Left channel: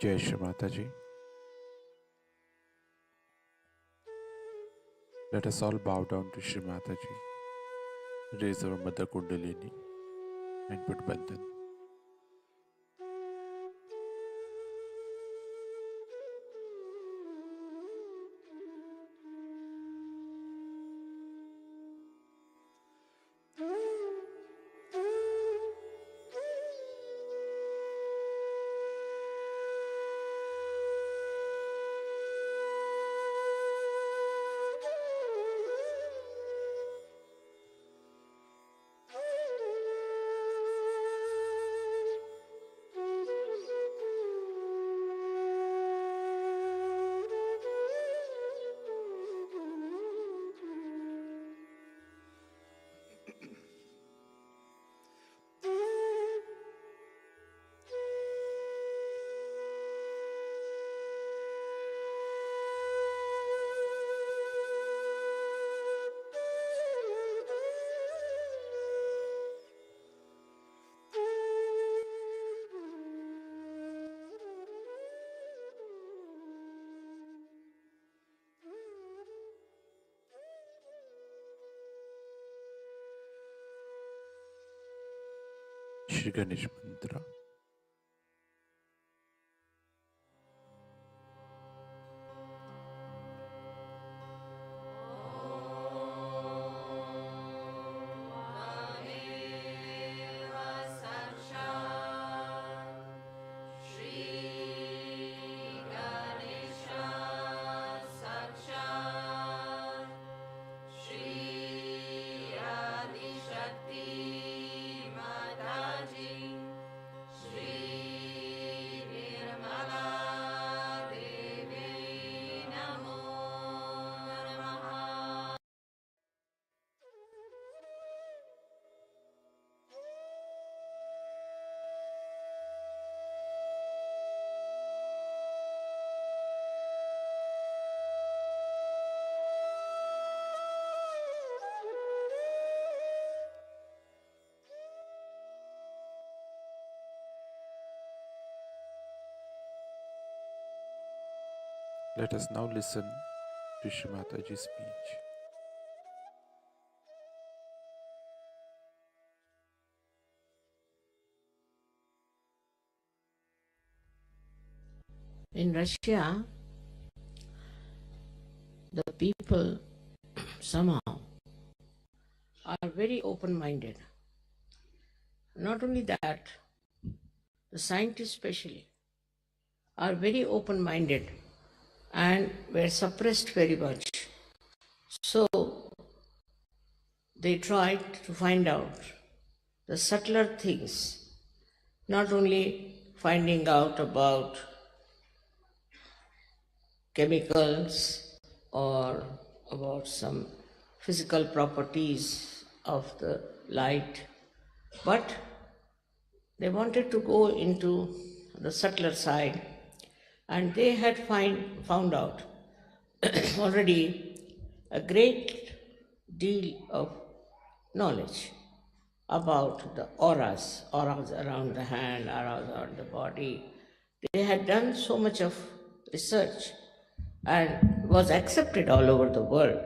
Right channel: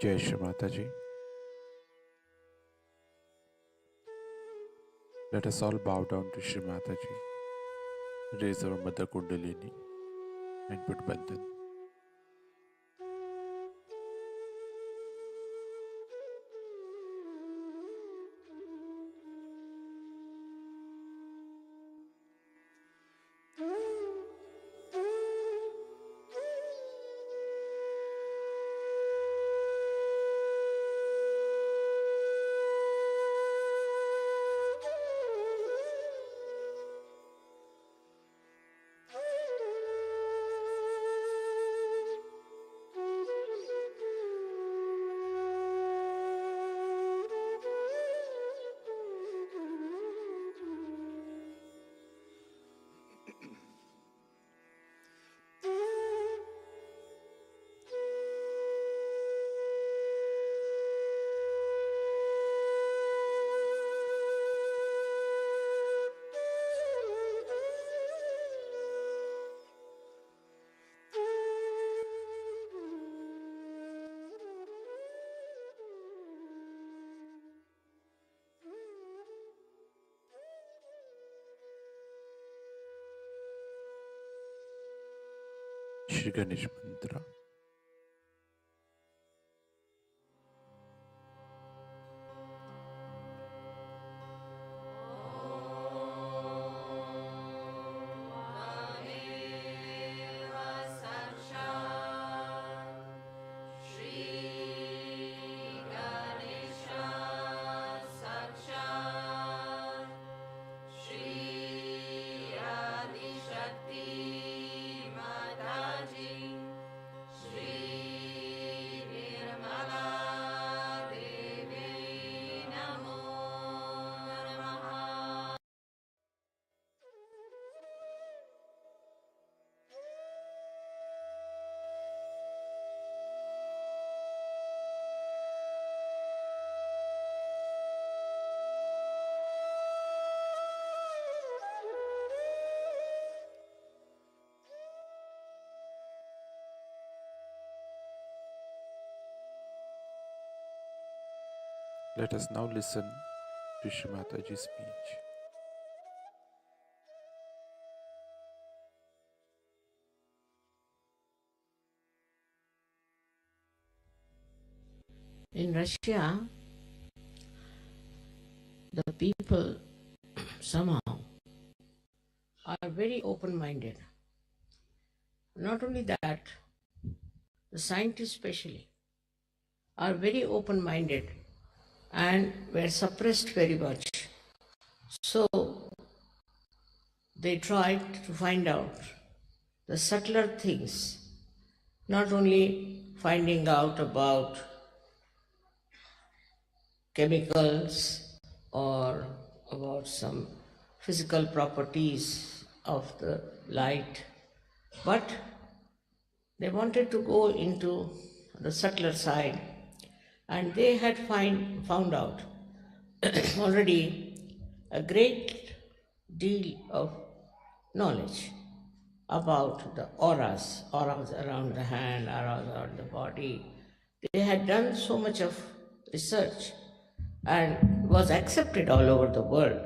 Jai Shri Mataji. Let us all bow down to Shri Mataji, raise our Mother Kundalini and put Bandhan. Shri Ganesh Mantra. Let us now listen to Shri Mataji's speech. In Russia, the people somehow are very open-minded. Not only that, the scientists especially are very open-minded and were suppressed very much. So they tried to find out the subtler things, not only finding out about chemicals or about some physical properties of the light, but they wanted to go into the subtler side, and they had found out already a great deal of knowledge about the auras around the hand, auras around the body. They had done so much of research and was accepted all over the world,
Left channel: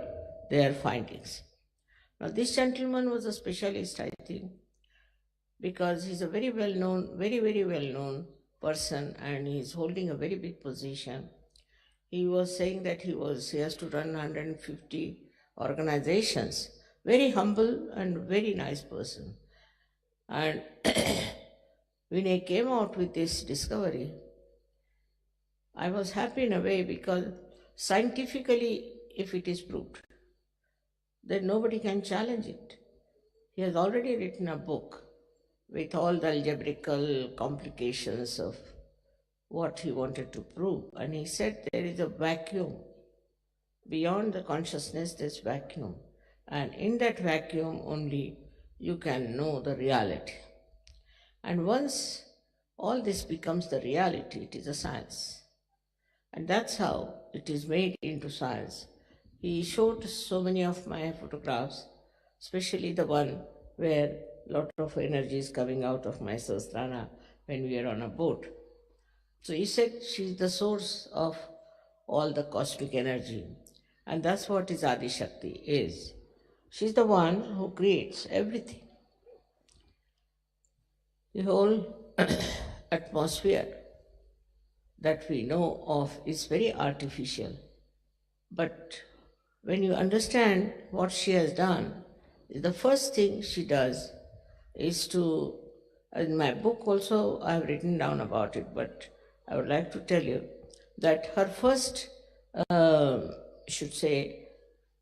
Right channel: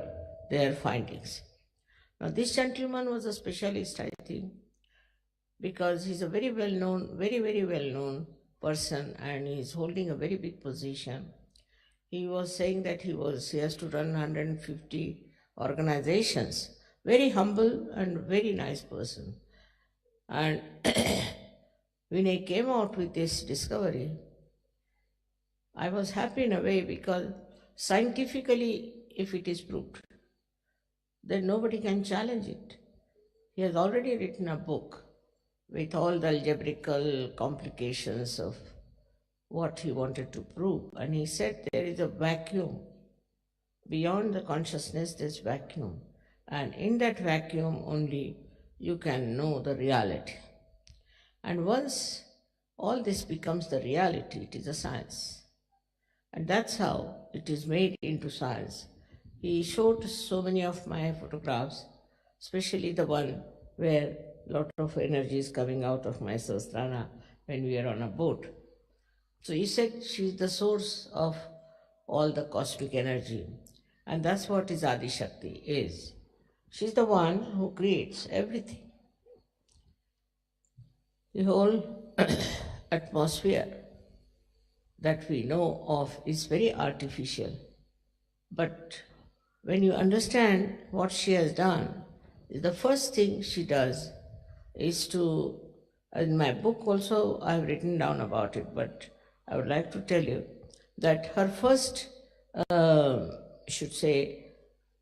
their findings. Now this gentleman was a specialist, I think, because he's a very well-known, very well-known person, and he's holding a very big position. He was saying that he has to run 150 organizations. Very humble and very nice person. And when he came out with this discovery, I was happy in a way, because scientifically, if it is proved, then nobody can challenge it. He has already written a book with all the algebraical complications of what he wanted to prove. And he said there is a vacuum. Beyond the consciousness, there's vacuum. And in that vacuum only you can know the reality. And once all this becomes the reality, it is a science. And that's how it is made into science. He showed so many of my photographs, especially the one where a lot of energy is coming out of my Sahasrara when we are on a boat. So he said she's the source of all the cosmic energy. And that's what his Adi Shakti is. She's the one who creates everything. The whole atmosphere that we know of is very artificial. But when you understand what she has done, the first thing she does is to, in my book also I have written down about it, but I would like to tell you that her first, should say,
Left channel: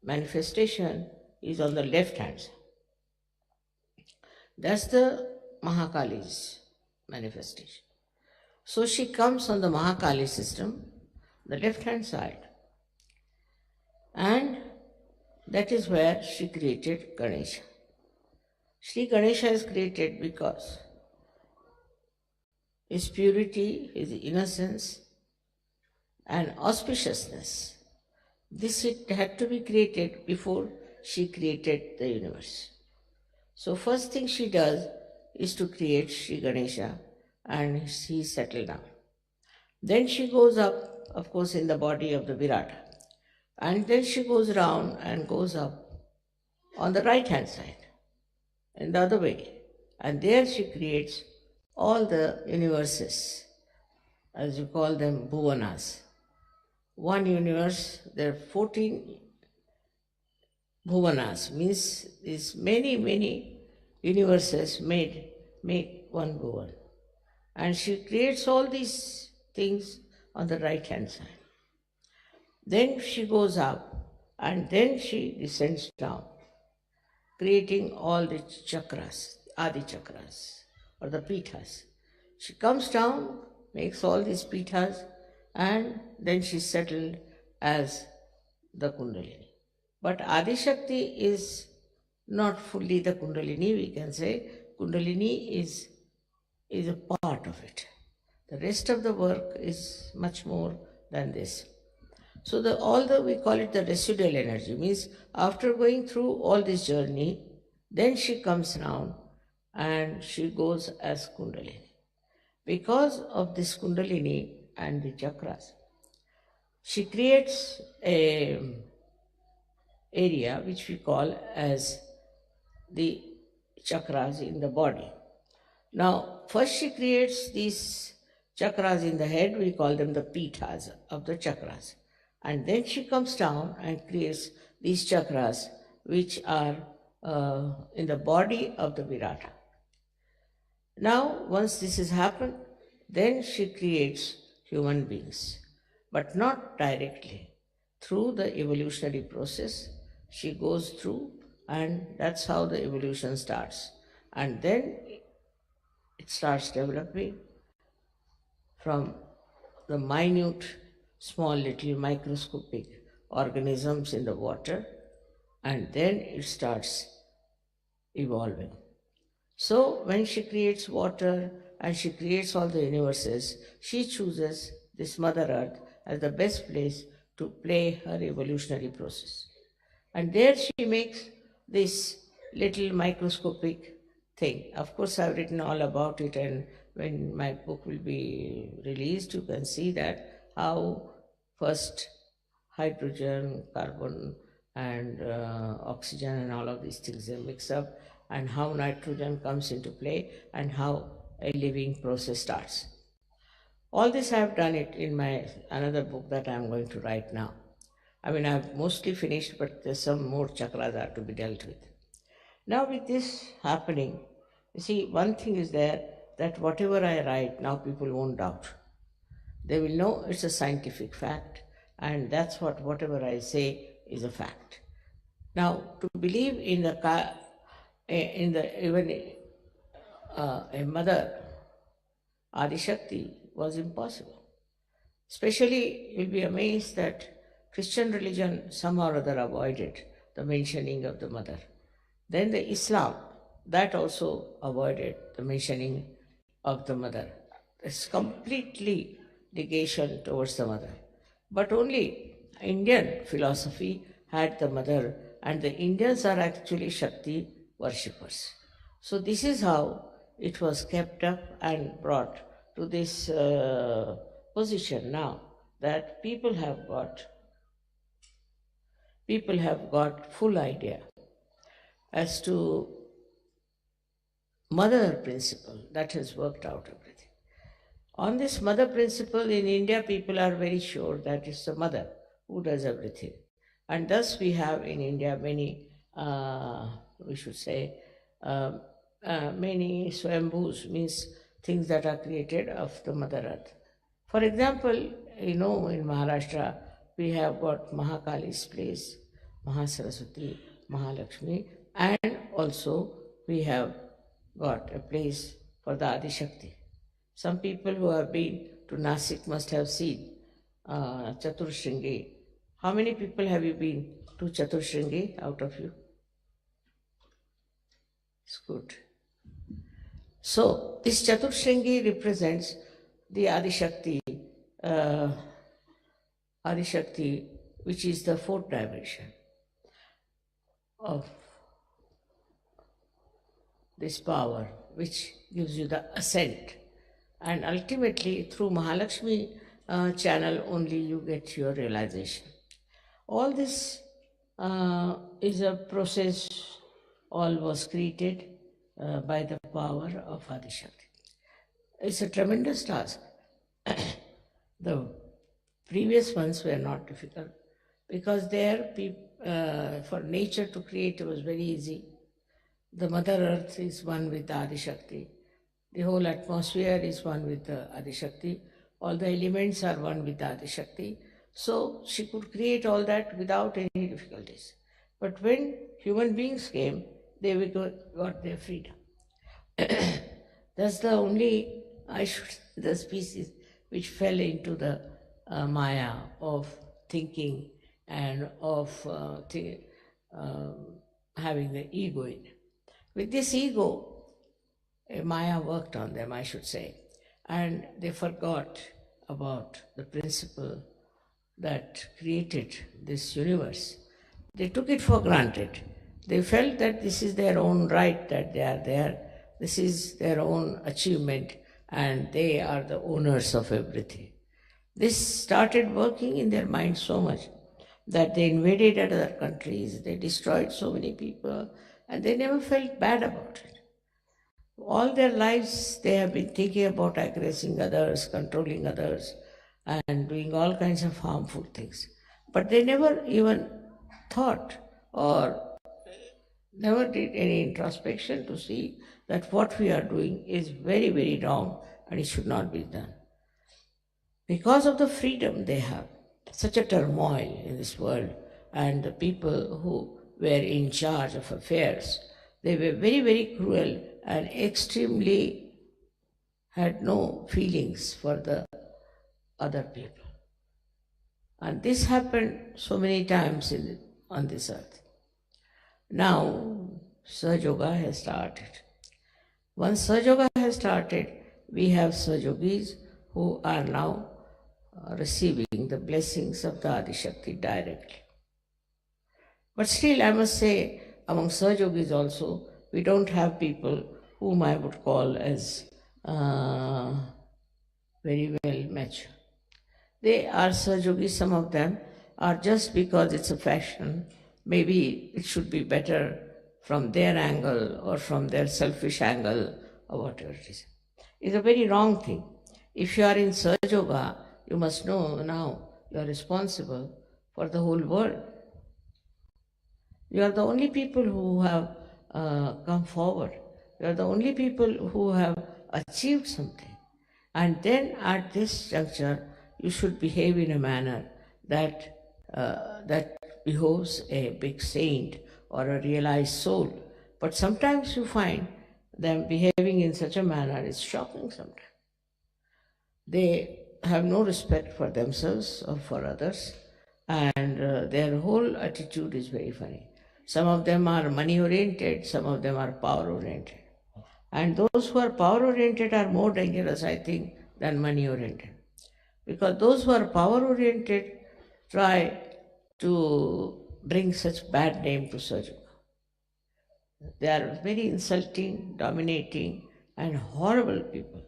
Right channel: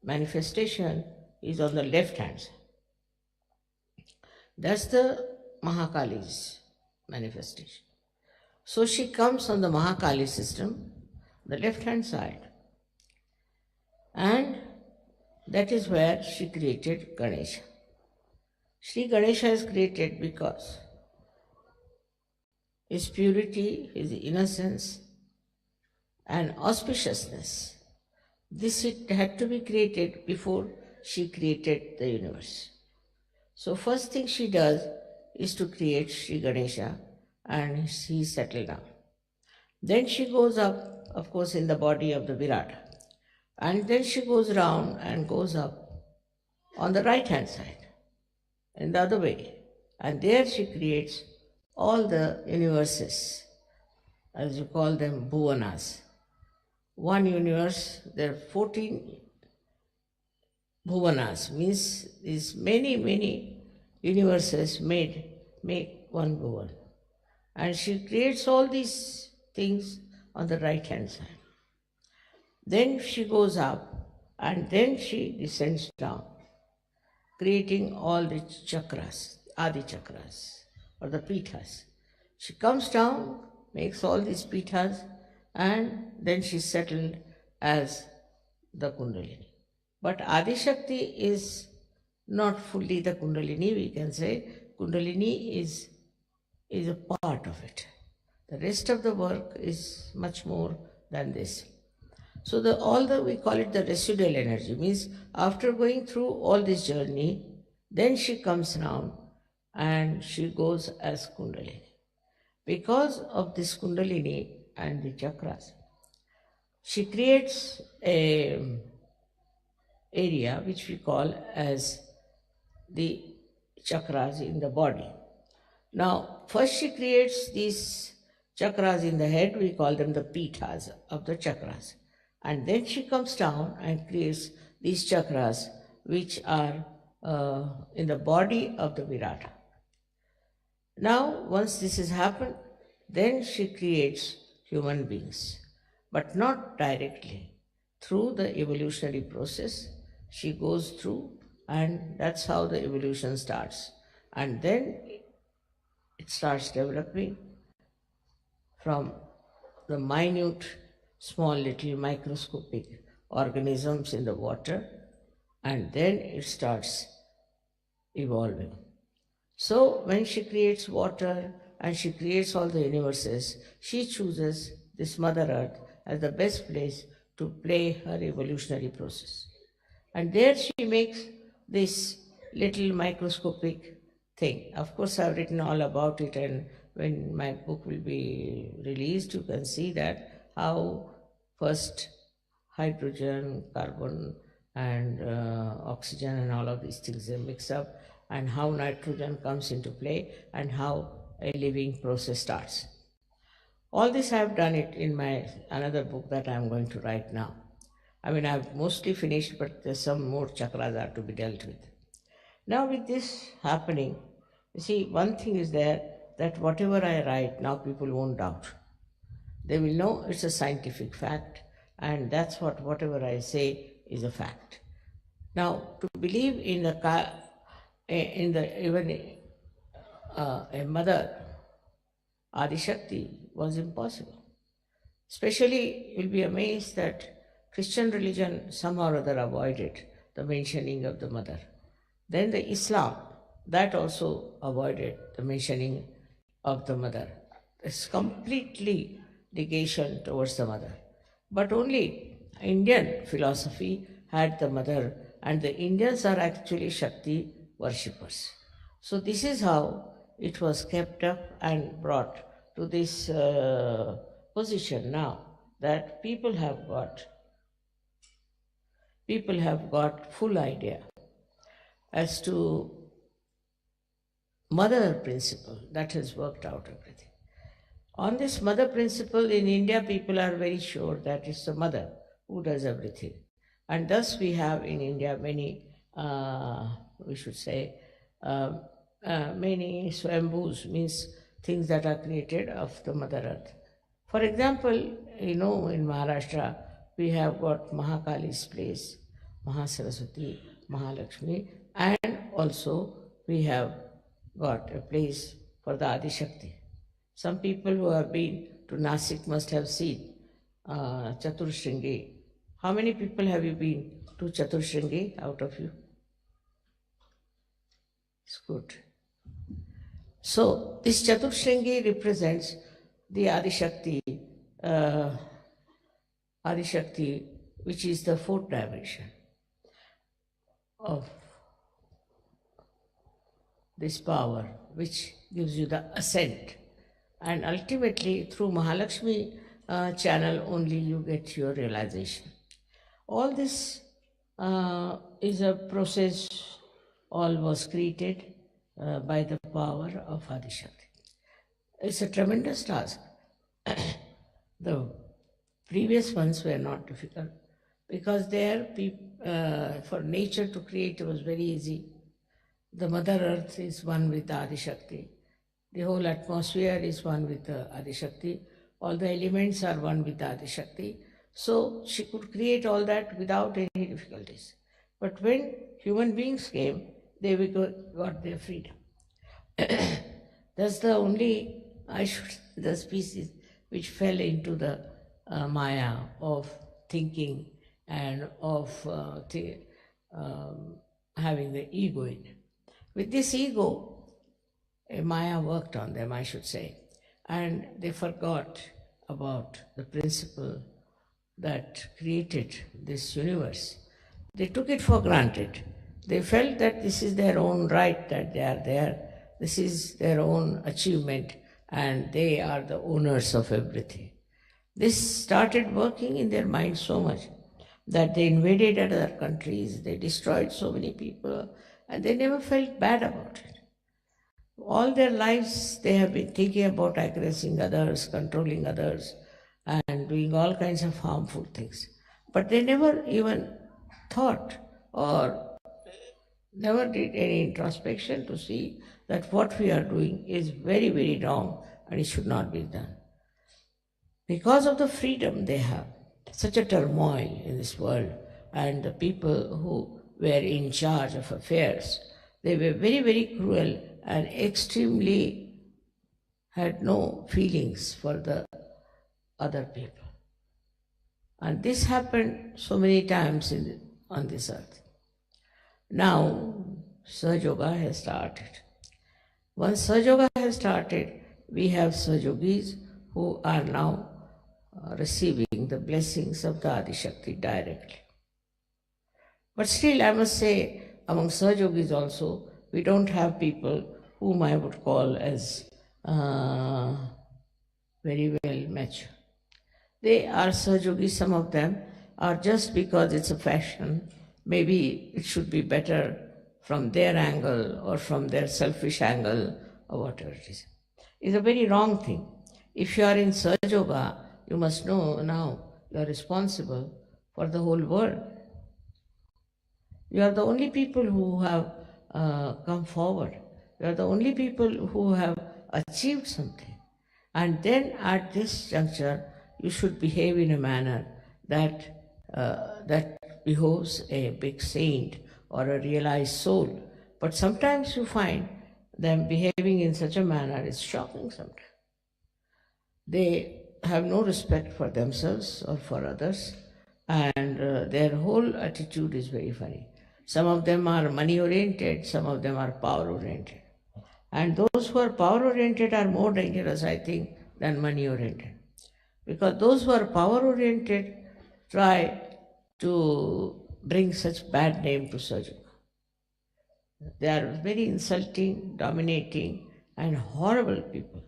manifestation is on the left hand side. That's the Mahakali's manifestation. So she comes on the Mahakali system, the left hand side, and that is where she created Ganesha. Sri Ganesha is created because his purity, his innocence, and auspiciousness. This it had to be created before she created the universe. So first thing she does is to create Sri Ganesha, and she settled down. Then she goes up, of course, in the body of the Virata. And then she goes round and goes up on the right hand side, in the other way. And there she creates all the universes, as you call them, bhuvanas. One universe, there are 14 bhuvanas, means these many universes make one bhuvan. And she creates all these things on the right hand side. Then she goes up and then she descends down, creating all the chakras, Adi chakras, or the pithas. She comes down, makes all these pithas, and then she's settled as the Kundalini. But Adi Shakti is not fully the Kundalini, we can say. Kundalini is a part of it. The rest of the work is much more than this. So we call it the residual energy, means after going through all this journey, then she comes down and she goes as Kundalini. Because of this Kundalini and the chakras, she creates a area which we call as the chakras in the body. Now, first she creates these chakras in the head, we call them the pithas of the chakras. And then she comes down and creates these chakras which are in the body of the Virata. Now, once this has happened, then she creates human beings, but not directly. Through the evolutionary process, she goes through, and that's how the evolution starts. And then it starts developing from the minute, small little microscopic organisms in the water, and then it starts evolving. So when she creates water and she creates all the universes, she chooses this Mother Earth as the best place to play her evolutionary process. And there she makes this little microscopic thing. Of course, I've written all about it, and when my book will be released, you can see that how first hydrogen, carbon, and oxygen and all of these things they mix up, and how nitrogen comes into play, and how a living process starts. All this I have done it in my another book that I am going to write now. I mean, I've mostly finished, but there's some more chakras are to be dealt with. Now with this happening, you see, one thing is there, that whatever I write, now people won't doubt. They will know it's a scientific fact, and that's whatever I say is a fact. Now, to believe in a mother, Adi Shakti, was impossible. Especially, you'll be amazed that Christian religion somehow or other avoided the mentioning of the mother. Then the Islam, that also avoided the mentioning of the mother. It's completely negation towards the mother. But only Indian philosophy had the mother, and the Indians are actually Shakti worshippers. So this is how it was kept up and brought to this position now that people have got full idea as to mother principle that has worked out everything. On this mother principle in India, people are very sure that it's the mother who does everything. And thus we have in India many, we should say, many swambhus, means things that are created of the Mother Earth. For example, in Maharashtra, we have got Mahakali's place, Mahasaraswati, Mahalakshmi, and also we have got a place for the Adi Shakti. Some people who have been to Nasik must have seen Chaturshringi. How many people have you been to Chaturshringi out of you? It's good. So, this Chaturshringi represents the Adi Shakti, which is the fourth dimension of this power, which gives you the ascent. And ultimately, through Mahalakshmi channel only you get your realization. All this is a process, all was created by the power of Adi Shakti. It's a tremendous task. The previous ones were not difficult because there, for nature to create was very easy. The Mother Earth is one with Adi Shakti. The whole atmosphere is one with the Adi Shakti. All the elements are one with the Adi Shakti. So she could create all that without any difficulties. But when human beings came, they got their freedom. That's the only, the species which fell into the maya of thinking and of having the ego in it. With this ego, Maya worked on them, I should say, and they forgot about the principle that created this universe. They took it for granted. They felt that this is their own right, that they are there, this is their own achievement, and they are the owners of everything. This started working in their mind so much that they invaded other countries, they destroyed so many people, and they never felt bad about it. All their lives they have been thinking about aggressing others, controlling others, and doing all kinds of harmful things. But they never even thought or never did any introspection to see that what we are doing is very, very wrong and it should not be done. Because of the freedom they have, such a turmoil in this world, and the people who were in charge of affairs, they were very, very cruel and extremely had no feelings for the other people. And this happened so many times on this earth. Now, Sahaja Yoga has started. Once Sahaja Yoga has started, we have Sahaja Yogis who are now receiving the blessings of the Adi Shakti directly. But still, I must say, among Sahaja Yogis also, we don't have people whom I would call as very well mature. They are Sahaja Yogis, some of them are just because it's a fashion. Maybe it should be better from their angle or from their selfish angle or whatever it is. It's a very wrong thing. If you are in Sahaja Yoga, you must know now you are responsible for the whole world. You are the only people who have come forward. You are the only people who have achieved something. And then at this juncture, you should behave in a manner that behoves a big saint or a realized soul. But sometimes you find them behaving in such a manner is shocking sometimes. They have no respect for themselves or for others, and their whole attitude is very funny. Some of them are money-oriented, some of them are power-oriented. And those who are power-oriented are more dangerous, I think, than money-oriented. Because those who are power-oriented try to bring such bad name to Sahaja Yoga. They are very insulting, dominating, and horrible people.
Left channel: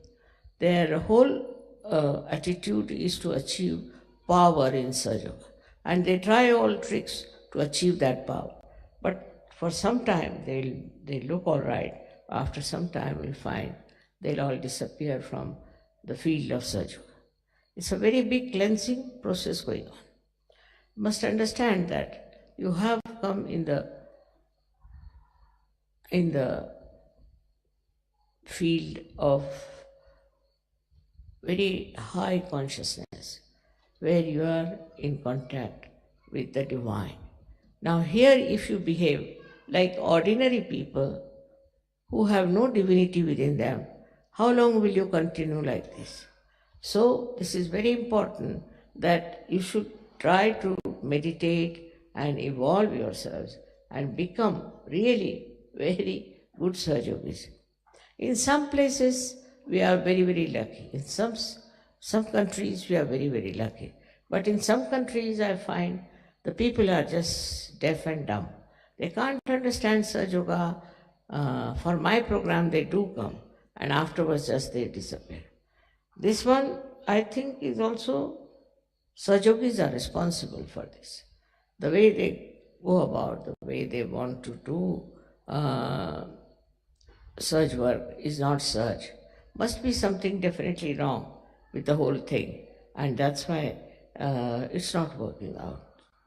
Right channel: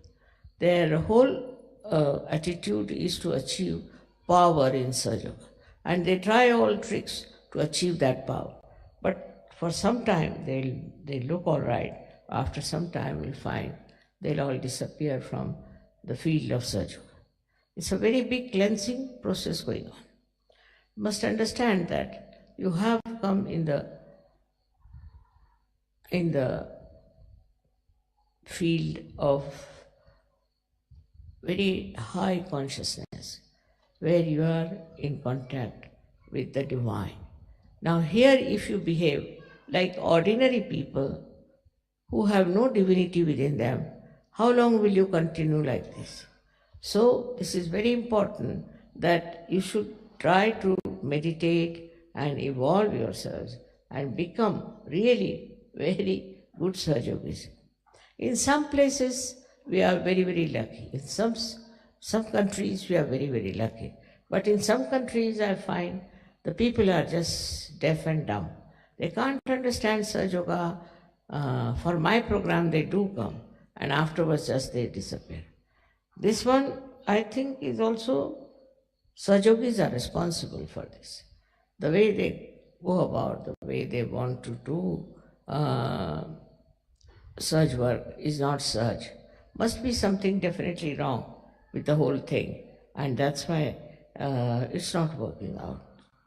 Their whole attitude is to achieve power in Sahaja Yoga. And they try all tricks to achieve that power. But for some time, they'll look all right. After some time, we'll find they'll all disappear from the field of Sahaja Yoga. It's a very big cleansing process going on. You must understand that you have come in the field of very high consciousness, where you are in contact with the divine. Now here, if you behave like ordinary people who have no divinity within them, how long will you continue like this? So this is very important that you should try to meditate and evolve yourselves and become really very good Sahaja Yogis. In some places, we are very, very lucky. In some countries, we are very, very lucky. But in some countries, I find the people are just deaf and dumb. They can't understand Sahaja Yoga. For my program, they do come, and afterwards just they disappear. This one, I think, is also, Sahaja Yogis are responsible for this. The way they go about, the way they want to do Sahaj work is not Sahaj. Must be something definitely wrong with the whole thing, and that's why it's not working out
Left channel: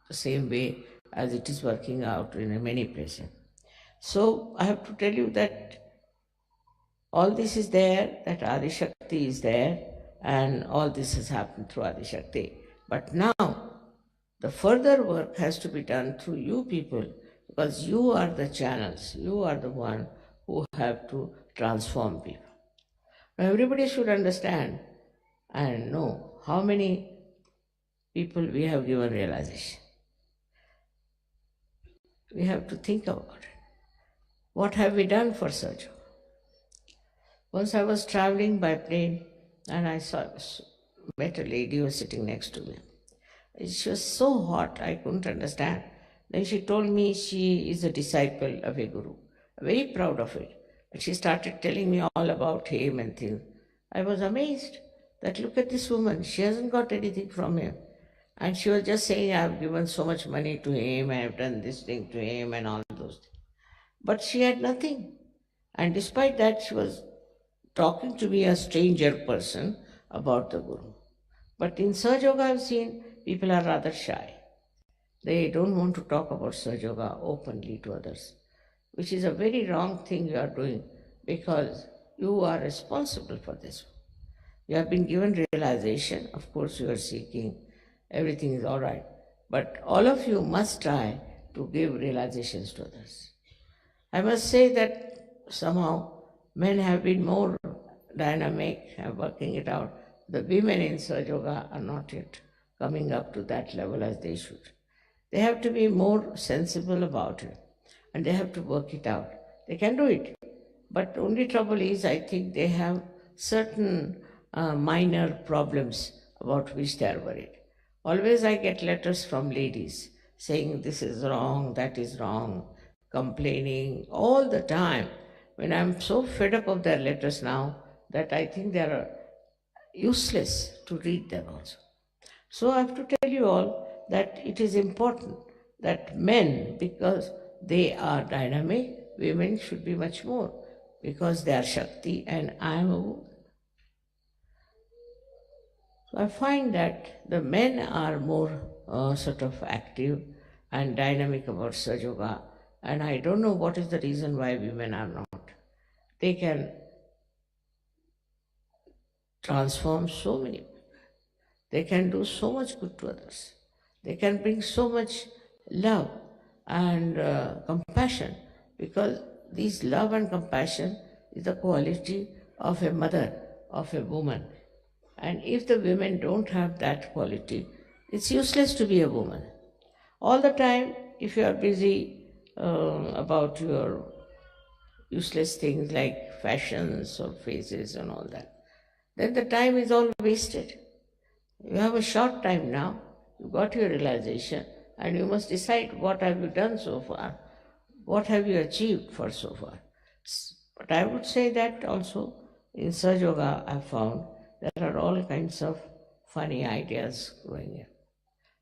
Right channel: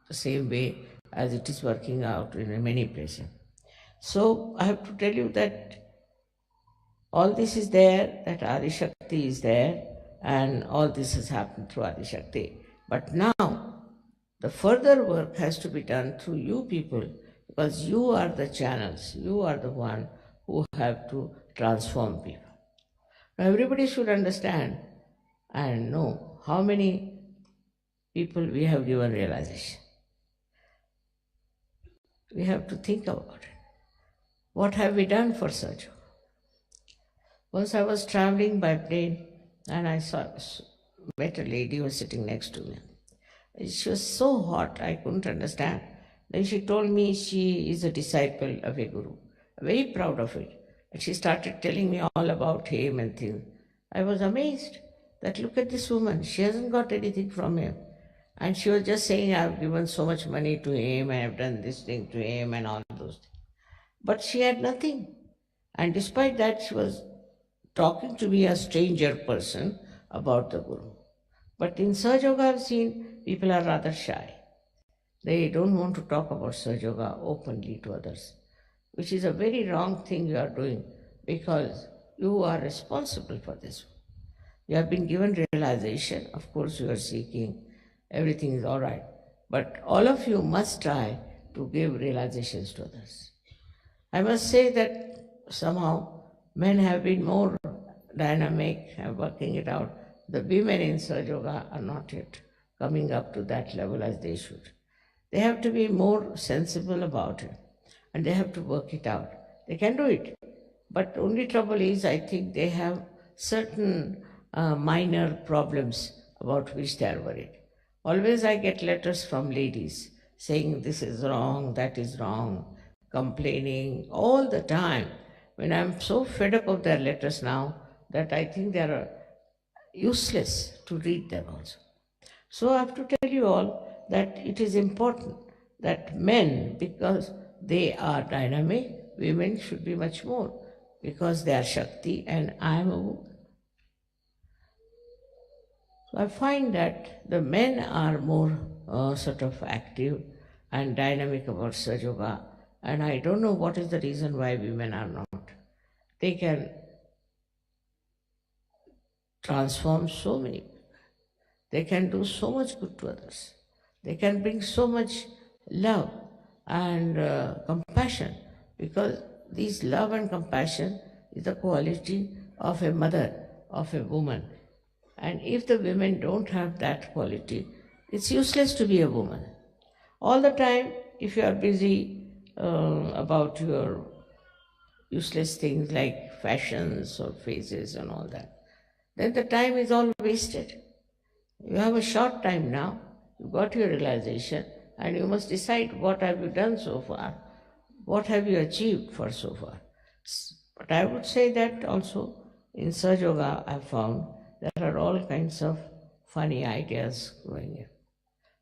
the same way as it is working out in many places. So I have to tell you that all this is there, that Adi Shakti is there, and all this has happened through Adi Shakti. But now the further work has to be done through you people, because you are the channels, you are the one who have to transform people. Now everybody should understand and know how many people we have given realization. We have to think about it. What have we done for Sahaja Yoga? Once I was traveling by plane and I met a lady who was sitting next to me. She was so hot, I couldn't understand. Then she told me she is a disciple of a guru. Very proud of it. And she started telling me all about him and things. I was amazed that look at this woman, she hasn't got anything from him. And she was just saying, I've given so much money to him, and I've done this thing to him and all those things. But she had nothing. And despite that, she was talking to me, a stranger person, about the Guru. But in Sahaja Yoga, I've seen people are rather shy. They don't want to talk about Sahaja Yoga openly to others, which is a very wrong thing you are doing, because you are responsible for this. You have been given realization. Of course, you are seeking. Everything is all right. But all of you must try to give realizations to others. I must say that somehow men have been more dynamic and working it out. The women in Sahaja Yoga are not yet coming up to that level as they should. They have to be more sensible about it, and they have to work it out. They can do it. But only trouble is, I think they have certain minor problems about which they are worried. Always I get letters from ladies saying this is wrong, that is wrong, complaining all the time. When I'm so fed up of their letters now that I think they are useless to read them also. So I have to tell you all that it is important that men, because they are dynamic, women should be much more, because they are Shakti and I am a woman. So I find that the men are more sort of active and dynamic about Sahaja Yoga, and I don't know what is the reason why women are not. They can transform so many people. They can do so much good to others. They can bring so much love and compassion, because this love and compassion is the quality of a mother, of a woman. And if the women don't have that quality, it's useless to be a woman. All the time, if you are busy about your useless things like fashions or faces and all that, then the time is all wasted. You have a short time now, you got your realization, and you must decide what have you done so far, what have you achieved for so far. But I would say that also in Sahaja Yoga I found there are all kinds of funny ideas going in.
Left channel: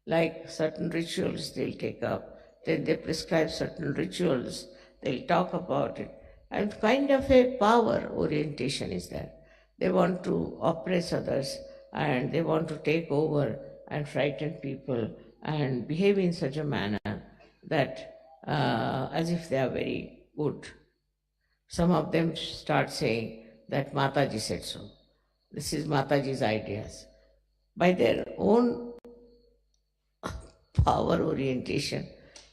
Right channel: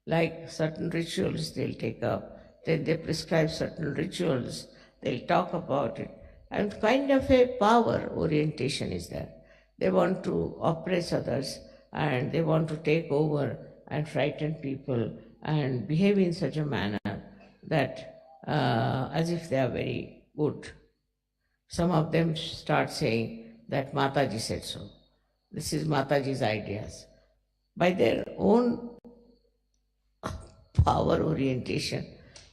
Like certain rituals they'll take up, then they prescribe certain rituals, they'll talk about it. And kind of a power orientation is there. They want to oppress others and they want to take over and frighten people and behave in such a manner that as if they are very good. Some of them start saying that Mataji said so. This is Mataji's ideas. By their own power orientation,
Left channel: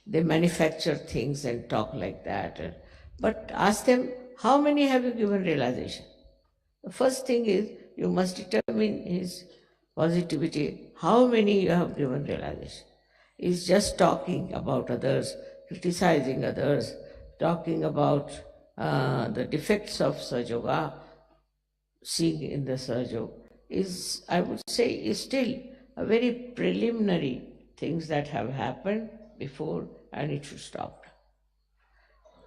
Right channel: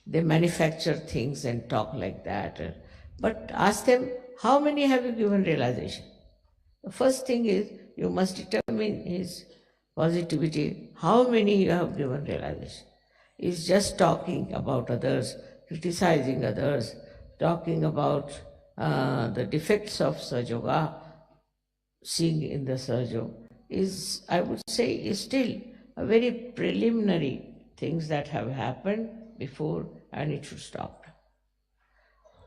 they manufacture things and talk like that. But ask them, how many have you given realization? The first thing is you must determine his positivity, how many you have given realization. Is just talking about others, criticizing others, talking about the defects of Sahaja, seeing in the Sahaja, is, I would say, is still a very preliminary things that have happened before, and it should stop.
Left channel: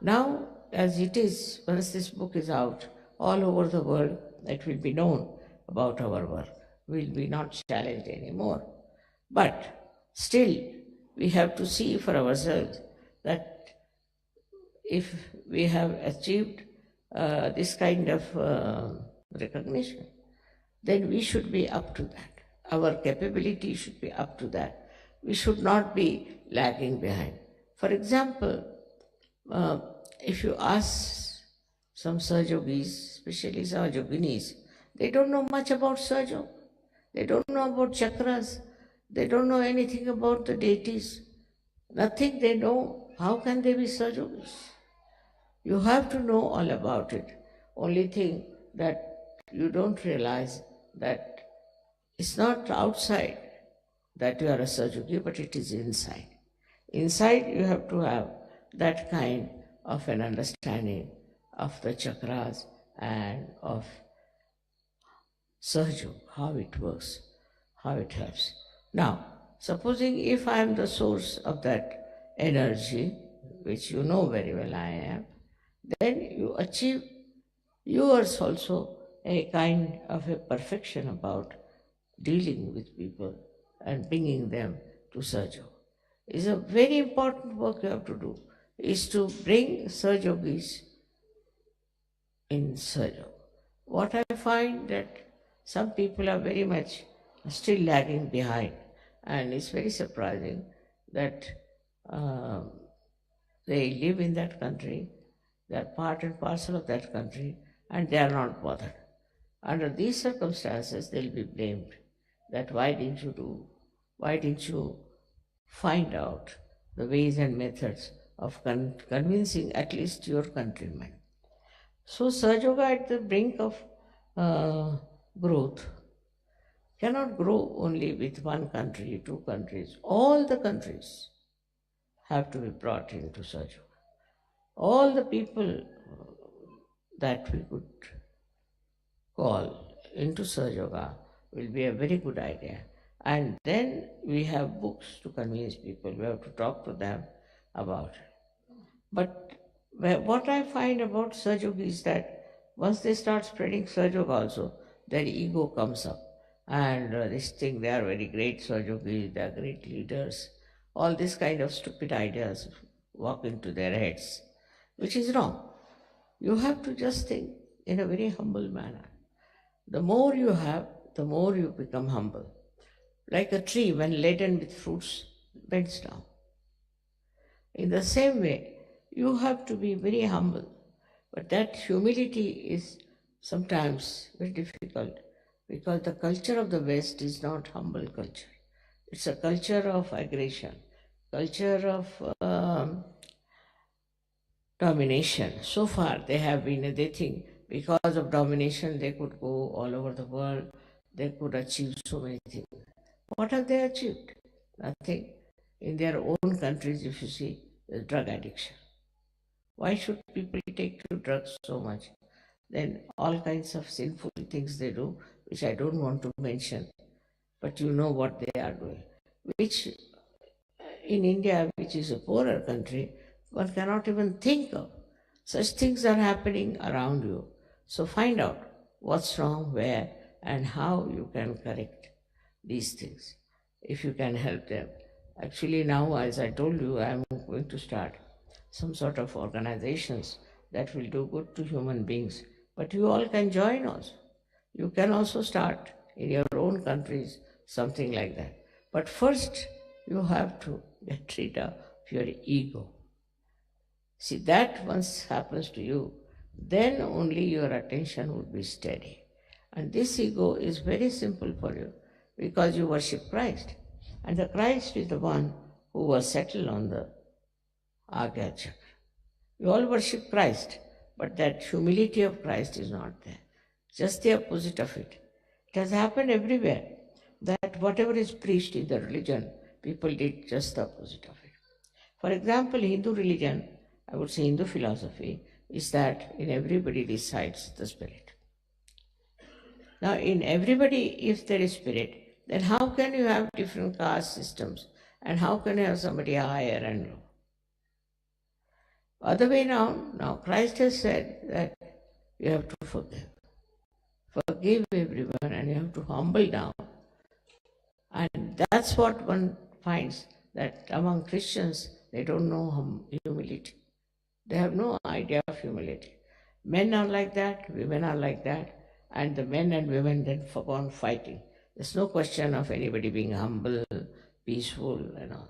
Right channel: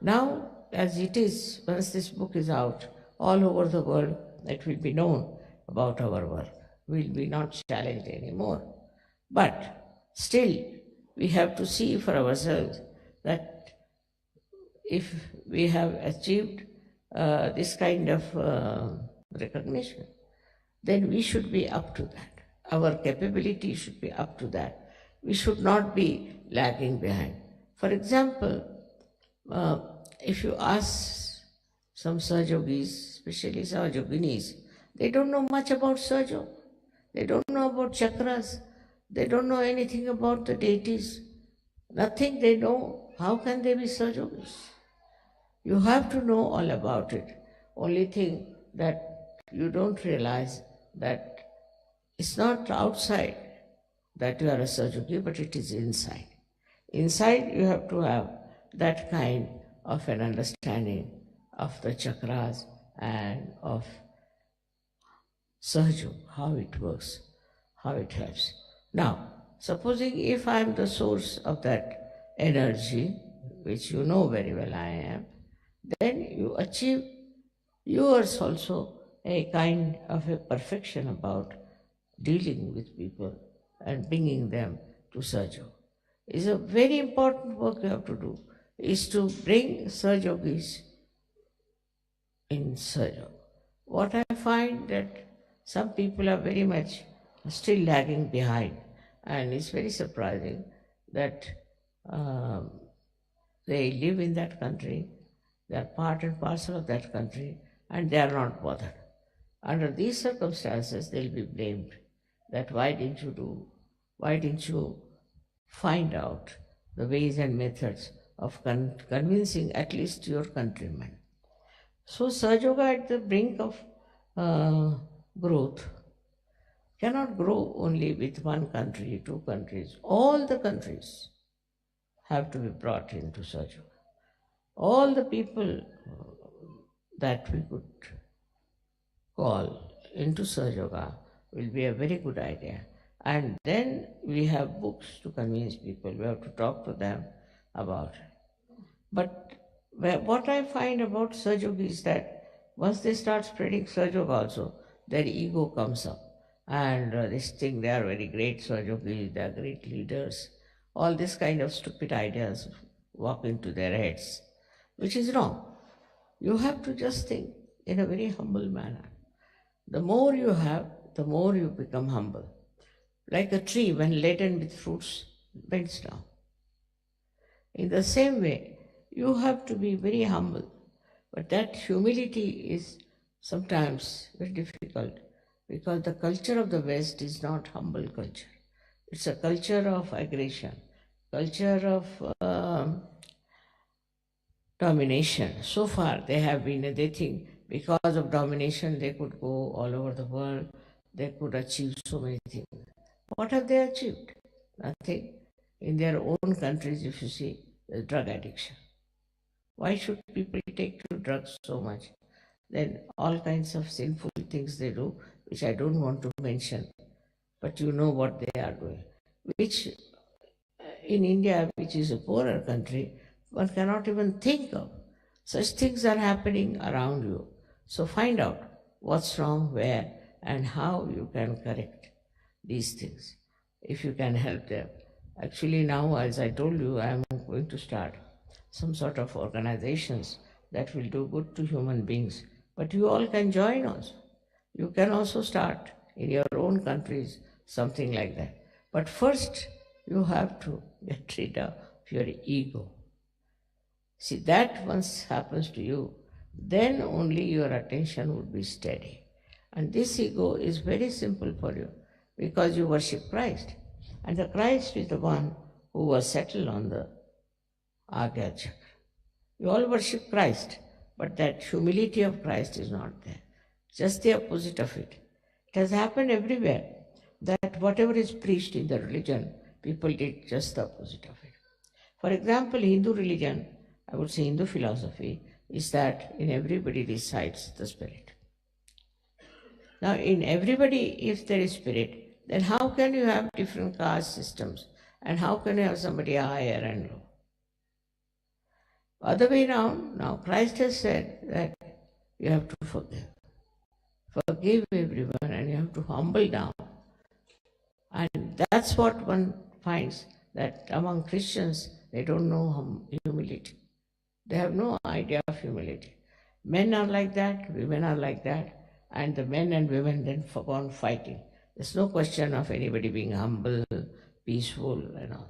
Now, as it is, once this book is out, all over the world, it will be known about our work. We will be not challenged anymore. But still, we have to see for ourselves that if we have achieved this kind of recognition, then we should be up to that. Our capability should be up to that. We should not be lagging behind. For example, if you ask some Sahajogis, especially Sahajoginis, they don't know much about Sahaja. They don't know about chakras. They don't know anything about the deities. Nothing they know. How can they be Sahajogis? You have to know all about it. Only thing that you don't realize that it's not outside that you are a Sahajogi, but it is inside. Inside you have to have that kind of an understanding of the chakras and of Sahaja, how it works, how it helps. Now, supposing if I am the source of that energy, which you know very well I am, then you achieve yours also a kind of a perfection about dealing with people and bringing them to Sahaja. It's a very important work you have to do, is to bring Sahajogis in Sahaja. What I find that some people are very much still lagging behind, and it's very surprising that they live in that country, they are part and parcel of that country, and they are not bothered. Under these circumstances, they'll be blamed that why didn't you find out the ways and methods of convincing at least your countrymen. So Sahajoga at the brink of growth cannot grow only with one country, two countries. All the countries have to be brought into Sahajoga. All the people that we could call into Sahajoga will be a very good idea. And then we have books to convince people. We have to talk to them about it. But what I find about Sahajoga is that once they start spreading Sahajoga also, their ego comes up. And they think they are very great Sahajogis, they are great leaders. All this kind of stupid ideas walk into their heads, which is wrong. You have to just think in a very humble manner. The more you have, the more you become humble. Like a tree, when laden with fruits, bends down. In the same way, you have to be very humble. But that humility is sometimes very difficult because the culture of the West is not humble culture. It's a culture of aggression, culture of domination. So far they think because of domination they could go all over the world, they could achieve so many things. What have they achieved? Nothing. In their own countries, if you see, there's drug addiction. Why should people take to drugs so much? Then all kinds of sinful things they do, which I don't want to mention, but you know what they are doing. Which in India, which is a poorer country, one cannot even think of. Such things are happening around you. So find out what's wrong where and how you can correct these things, if you can help them. Actually, now, as I told you, I am going to start some sort of organizations that will do good to human beings. But you all can join also. You can also start in your own countries something like that. But first, you have to get rid of your ego. See, that once happens to you, then only your attention would be steady. And this ego is very simple for you because you worship Christ. And the Christ is the one who was settled on the Agya Chakra. You all worship Christ, but that humility of Christ is not there. Just the opposite of it. It has happened everywhere that whatever is preached in the religion, people did just the opposite of it. For example, Hindu religion, I would say Hindu philosophy, is that in everybody resides the spirit. Now, in everybody, if there is spirit, then how can you have different caste systems? And how can you have somebody higher and low? Other way around, now Christ has said that you have to forgive. Forgive everyone and you have to humble down. And that's what one finds, that among Christians, they don't know humility. They have no idea of humility. Men are like that, women are like that, and the men and women then go on fighting. There's no question of anybody being humble, peaceful, and all.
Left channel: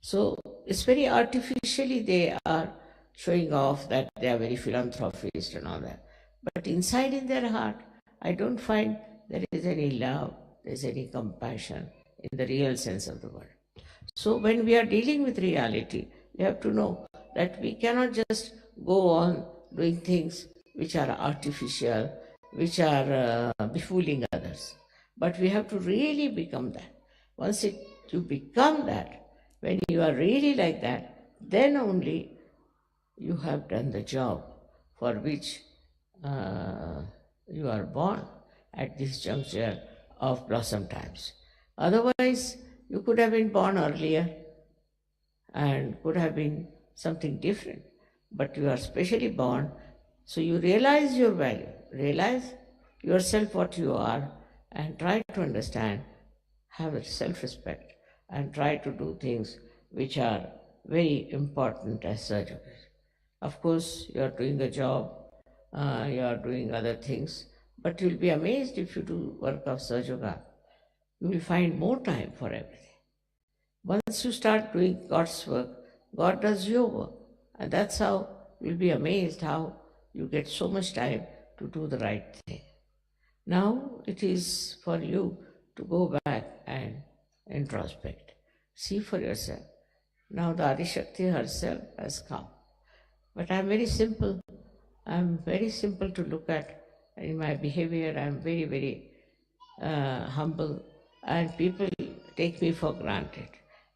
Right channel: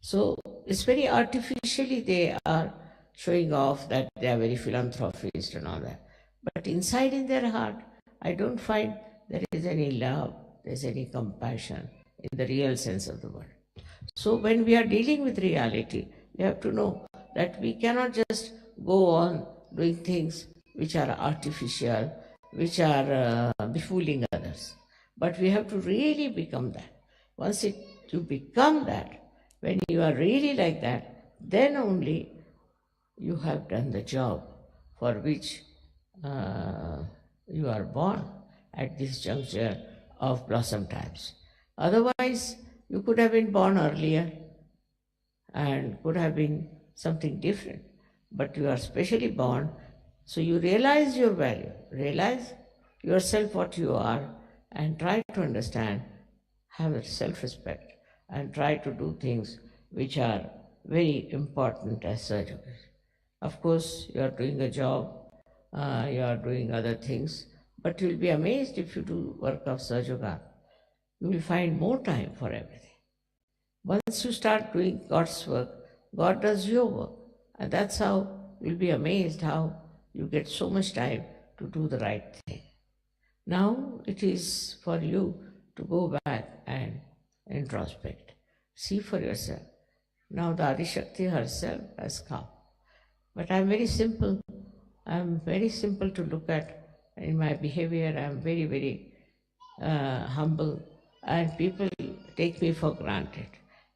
So it's very artificially they are showing off that they are very philanthropist and all that. But inside in their heart, I don't find there is any love, there is any compassion in the real sense of the word. So when we are dealing with reality, we have to know that we cannot just go on doing things which are artificial, which are befooling others. But we have to really become that. Once you become that, when you are really like that, then only you have done the job for which you are born at this juncture of blossom times. Otherwise, you could have been born earlier and could have been something different. But you are specially born, so you realize your value, realize yourself what you are, and try to understand, have a self-respect, and try to do things which are very important as such. Of course, you are doing a job, you are doing other things, but you will be amazed if you do work of Sahaja. You will find more time for everything. Once you start doing God's work, God does your work. And that's how you'll be amazed how you get so much time to do the right thing. Now it is for you to go back and introspect. See for yourself. Now the Adishakti herself has come. But I'm very simple. I'm very simple to look at in my behavior. I'm very, very humble, and people take me for granted.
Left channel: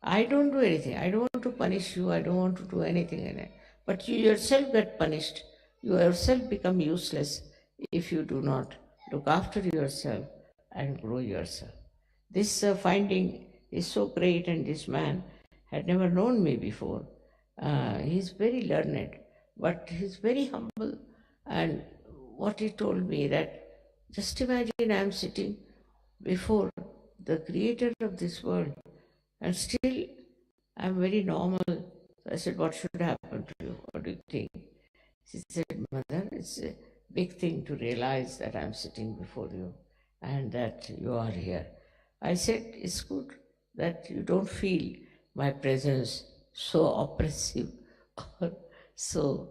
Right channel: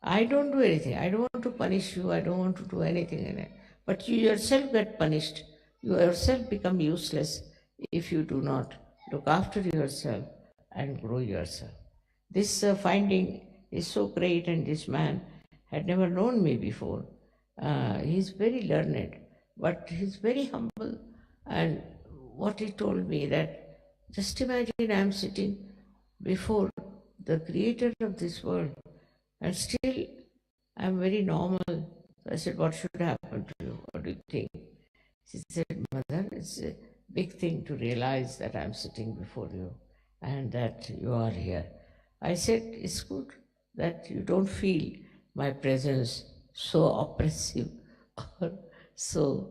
I don't do anything. I don't want to punish you. I don't want to do anything in it. But you yourself get punished. You yourself become useless if you do not look after yourself and grow yourself. This finding is so great, and this man had never known me before. He's very learned, but he's very humble. And what he told me that, just imagine I'm sitting before the creator of this world, and still I'm very normal. So I said, what should happen to you? What do you think? She said, Mother, it's a big thing to realize that I'm sitting before you and that you are here. I said, it's good that you don't feel my presence so oppressive or so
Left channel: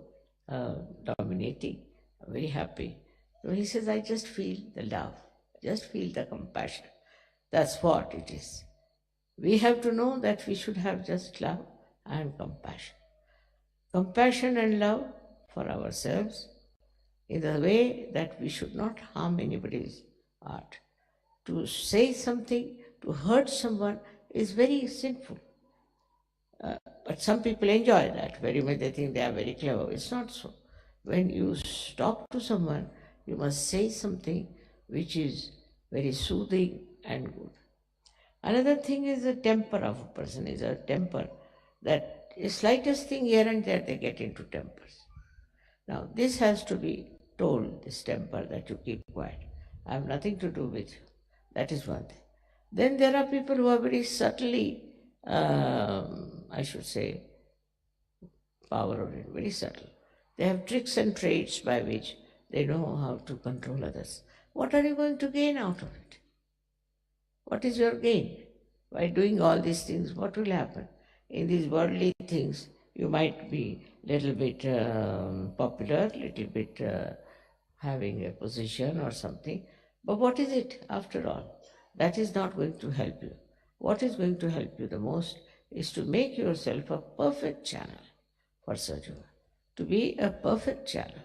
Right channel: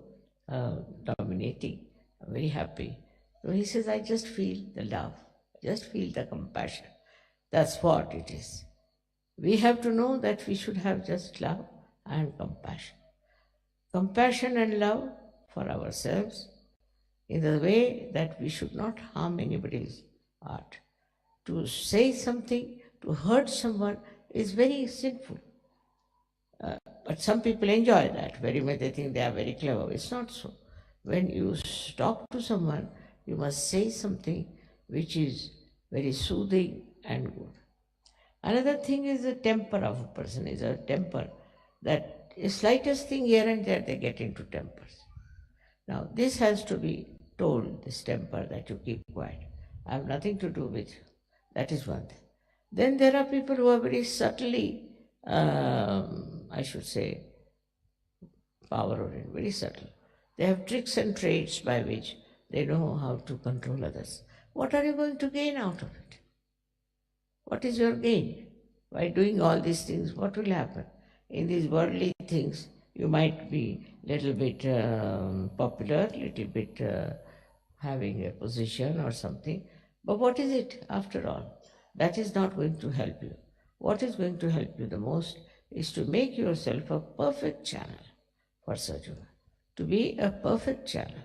dominating. I'm very happy. So he says, I just feel the love, just feel the compassion. That's what it is. We have to know that we should have just love and compassion. Compassion and love for ourselves in the way that we should not harm anybody's heart. To say something, to hurt someone is very sinful. But some people enjoy that very much. They think they are very clever. It's not so. When you talk to someone, you must say something which is very soothing and good. Another thing is the temper of a person, is a temper that the slightest thing here and there they get into tempers. Now this has to be told, this temper, that you keep quiet. I have nothing to do with you. That is one thing. Then there are people who are very subtly, I should say, power oriented, very subtle. They have tricks and traits by which they know how to control others. What are you going to gain out of it? What is your gain? By doing all these things, what will happen? In these worldly things, you might be little bit popular, little bit having a position or something. But what is it after all? That is not going to help you. What is going to help you the most is to make yourself a perfect channel for Sajuna. To be a perfect channel.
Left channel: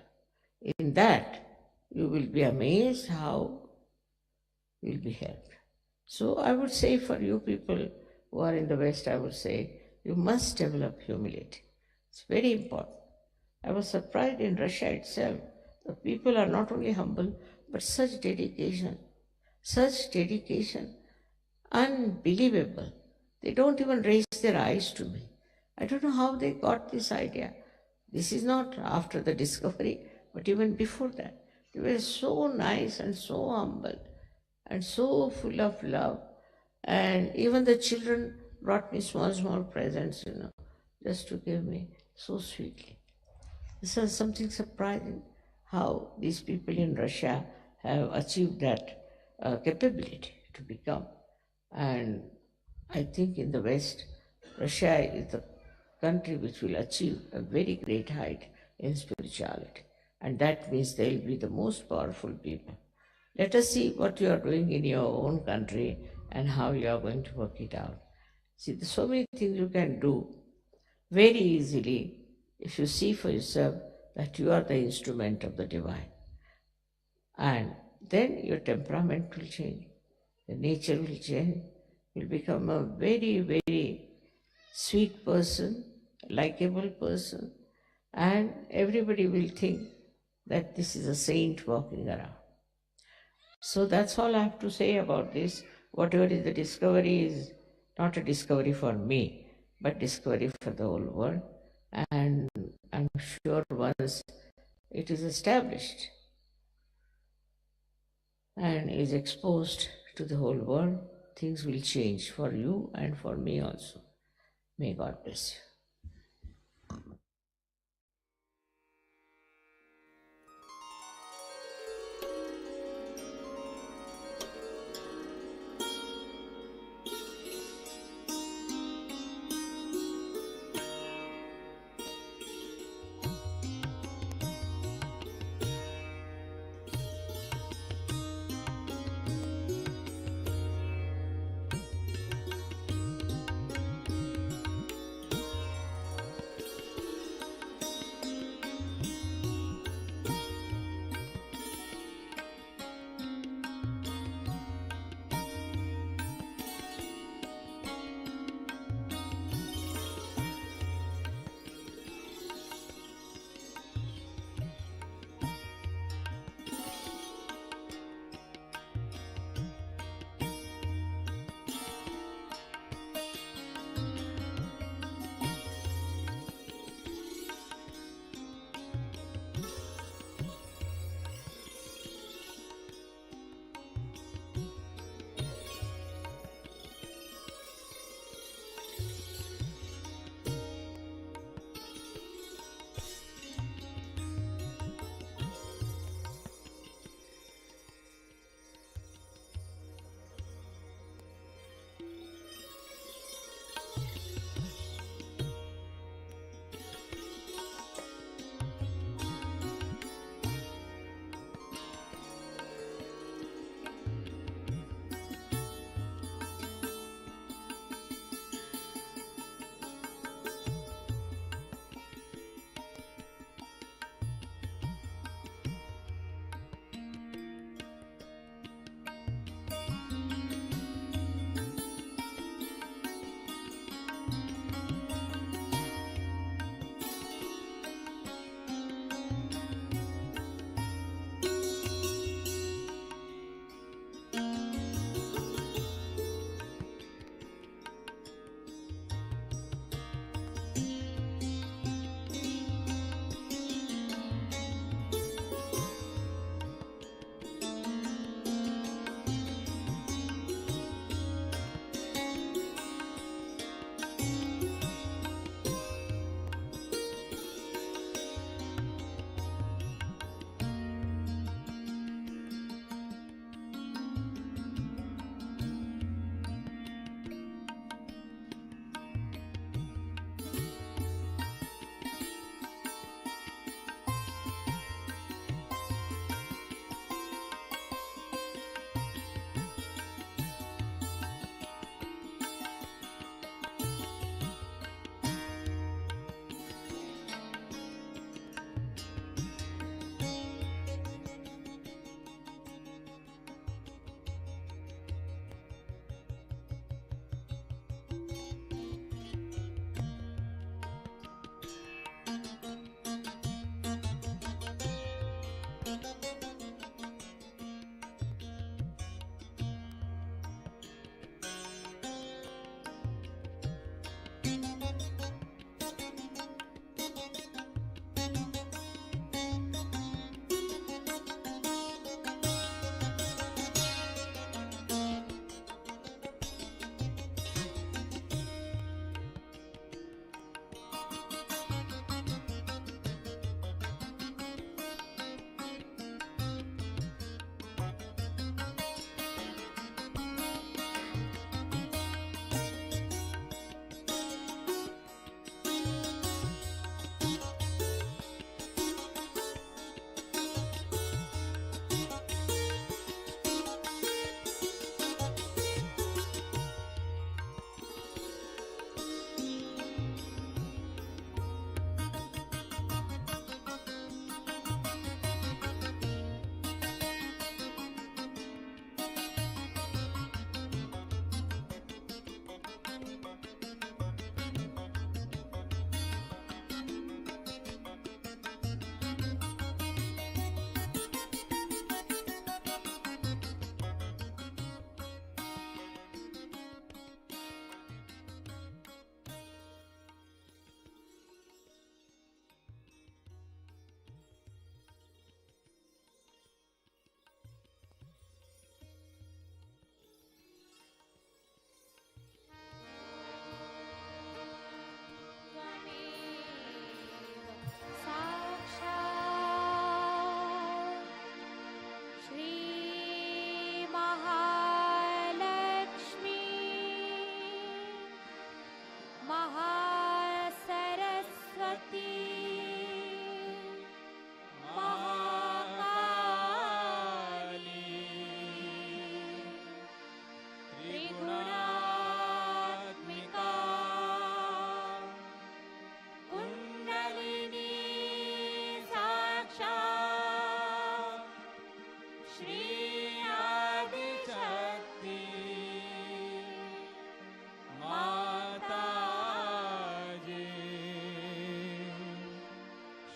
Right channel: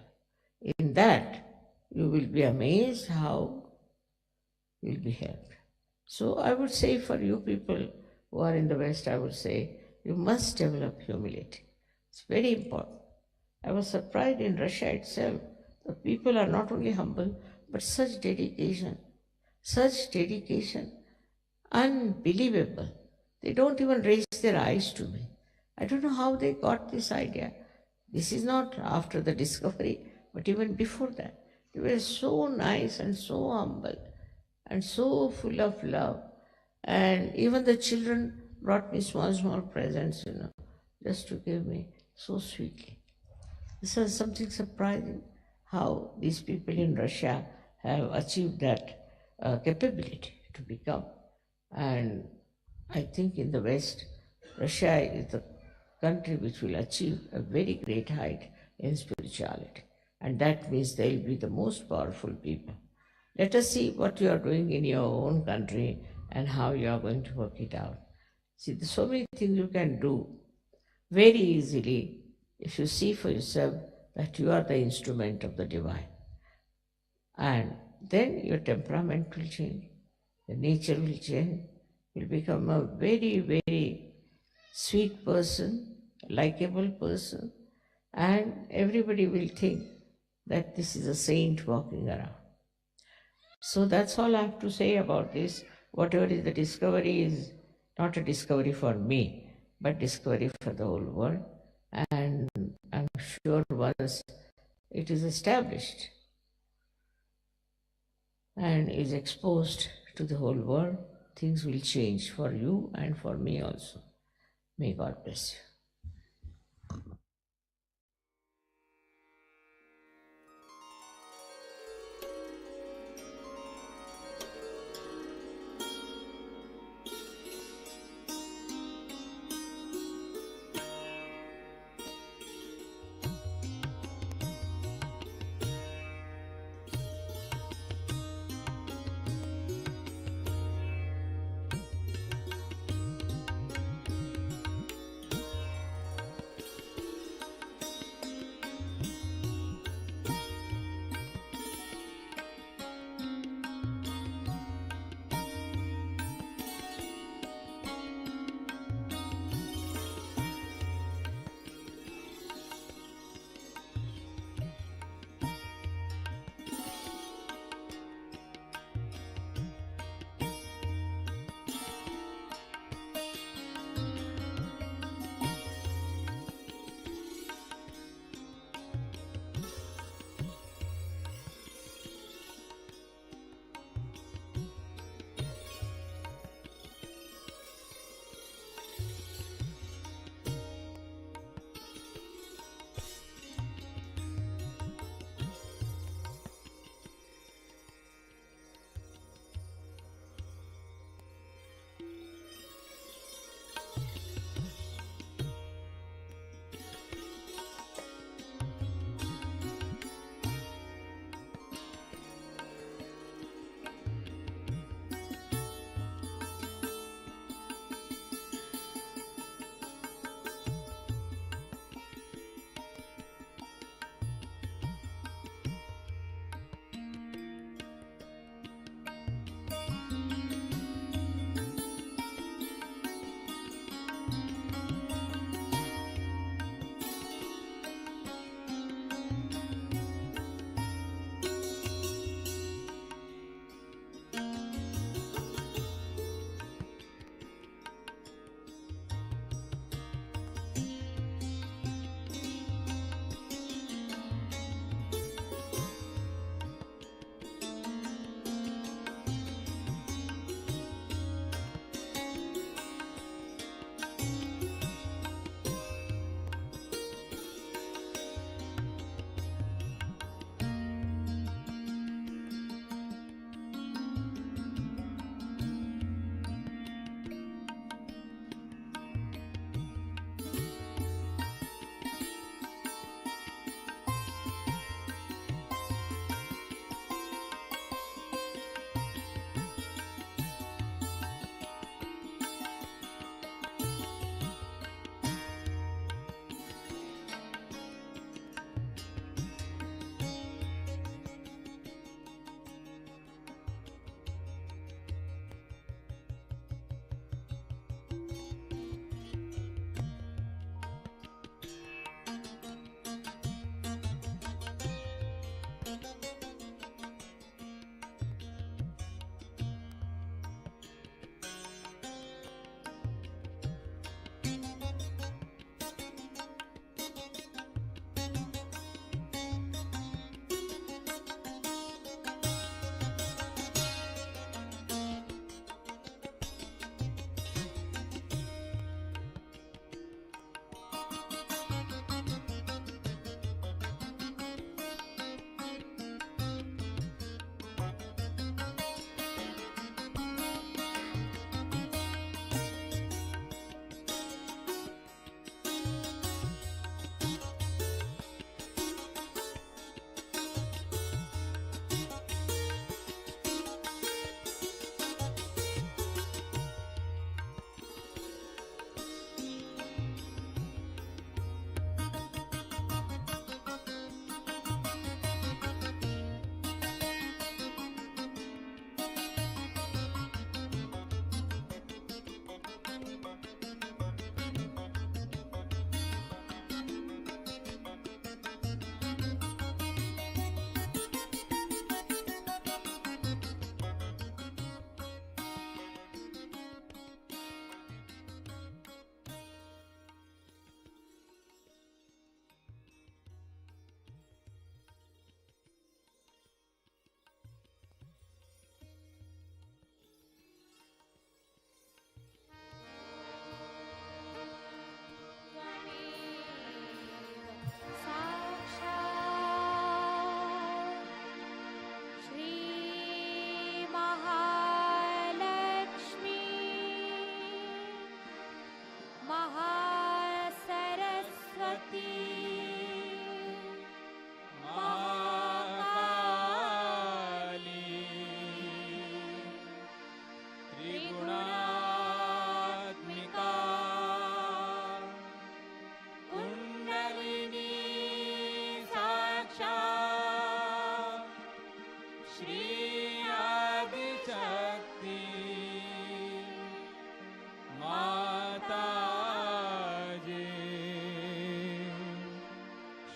In that, you will be amazed how you will be helped. So I would say for you people who are in the West, I would say you must develop humility. It's very important. I was surprised in Russia itself. The people are not only humble, but such dedication, unbelievable. They don't even raise their eyes to me. I don't know how they got this idea. This is not after the discovery, but even before that. They were so nice and so humble and so full of love. And even the children brought me small presents, just to give me so sweetly. This is something surprising how these people in Russia have achieved that capability to become. And I think in the West, Russia is the country which will achieve a very great height in spirituality. And that means they will be the most powerful people. Let us see what you are doing in your own country and how you are going to work it out. See, there's so many things you can do very easily if you see for yourself that you are the instrument of the divine. And then your temperament will change, your nature will change, you'll become a very, very sweet person, likable person, and everybody will think that this is a saint walking around. So that's all I have to say about this. Whatever is the discovery is not a discovery for me, but discovery for the whole world. And I'm sure once it is established and is exposed to the whole world, things will change for you and for me also. May God bless you.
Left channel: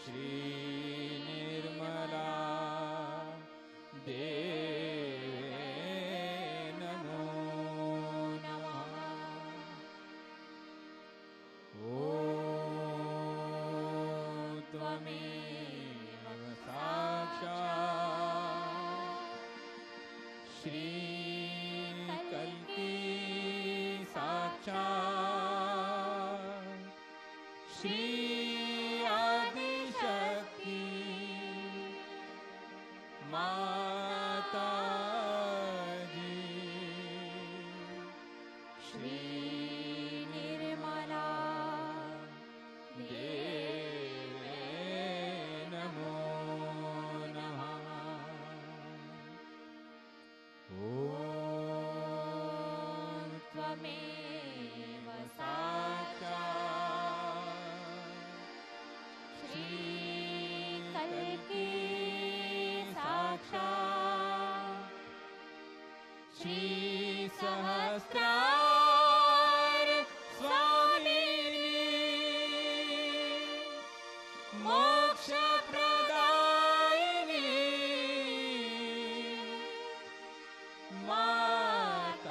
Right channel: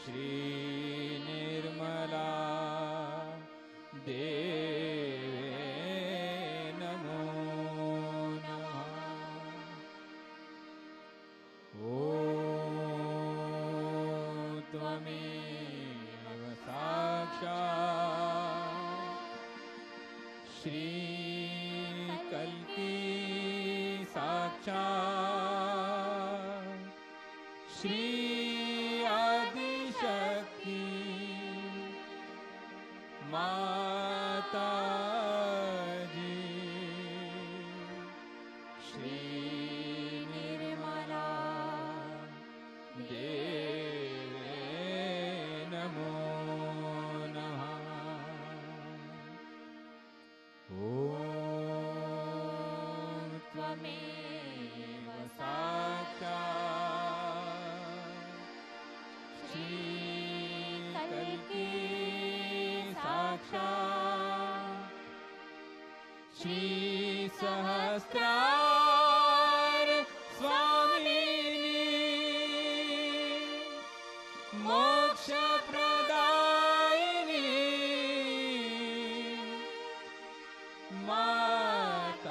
Shri Nirmala देवे नमो नमः। ॐ त्वमेव साक्षात् श्री कल्की साक्षात् श्री आदिशक्ति माताजी श्री निर्मला देवे नमो नमः। ॐ त्वमेव साक्षात् श्री कल्की साक्षात् श्री सहस्रार स्वामिनी मोक्ष प्रदायिनी माताजी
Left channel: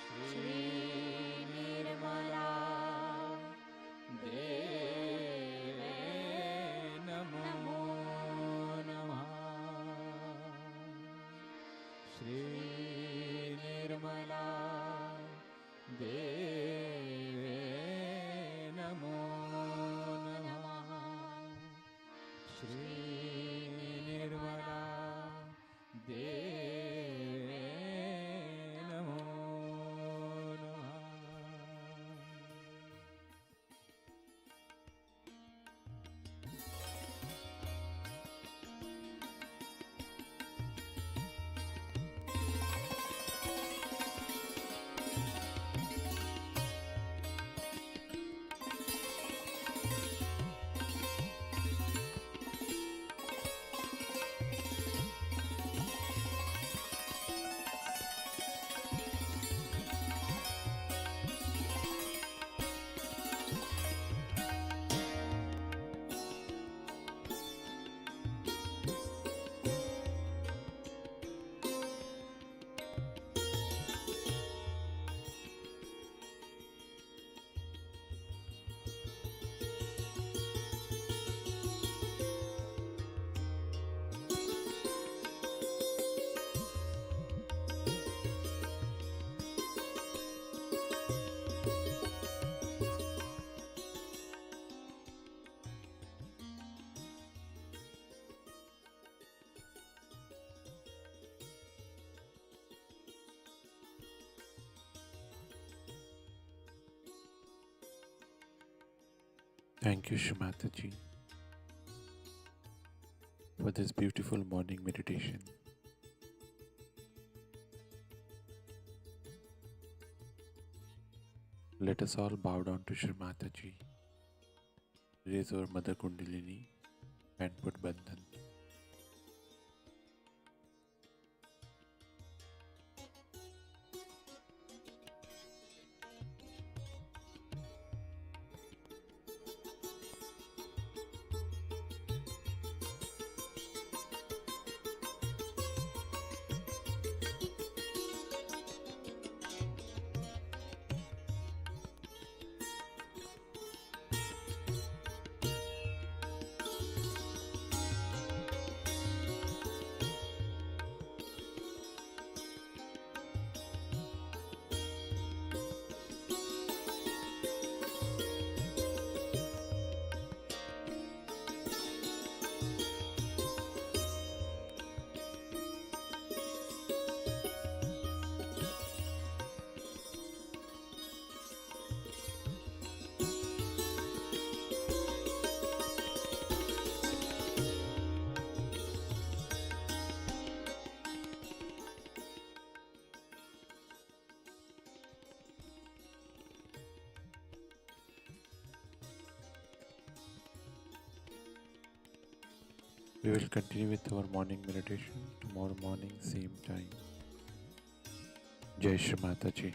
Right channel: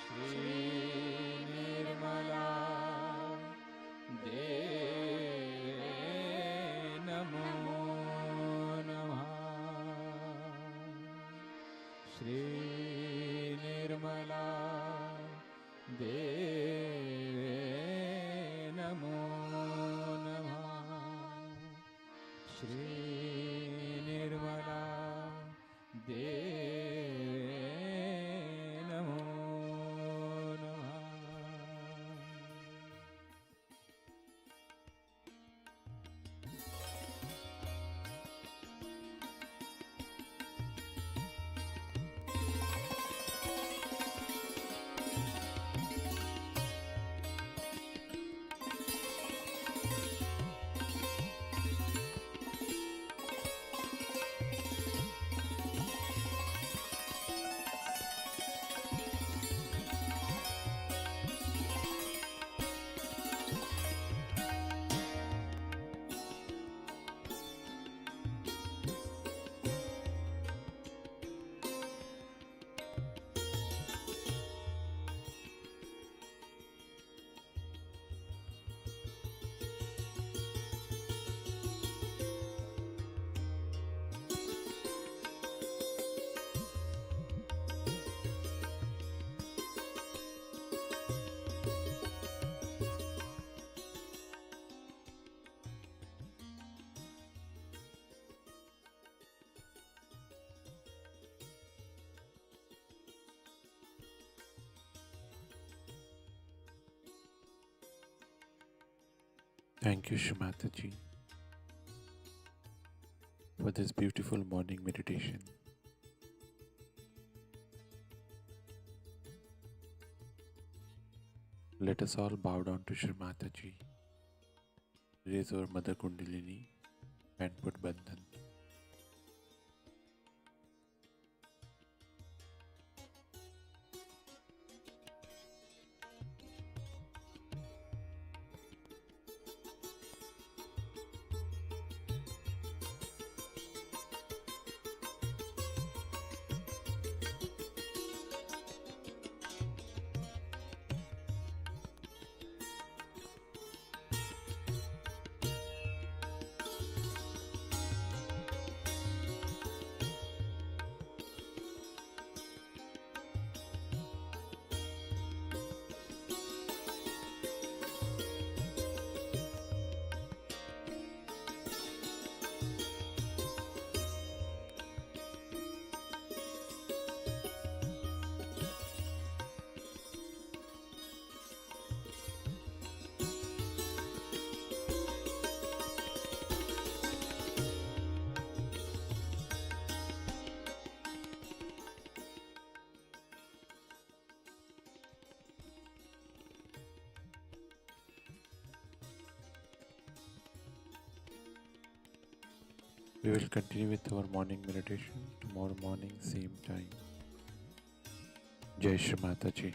श्री निर्मला देवे नमो नमः। श्री निर्मला देवे नमो नमः। श्री निर्मला देवे नमो नमः। Thank you, Shrimataji, for this beautiful morning meditation. Let us all bow down to Shrimataji, raise our Mother Kundalini and put Bandhan. We will continue with our morning meditation tomorrow morning, same time. Jai Shri Mataji.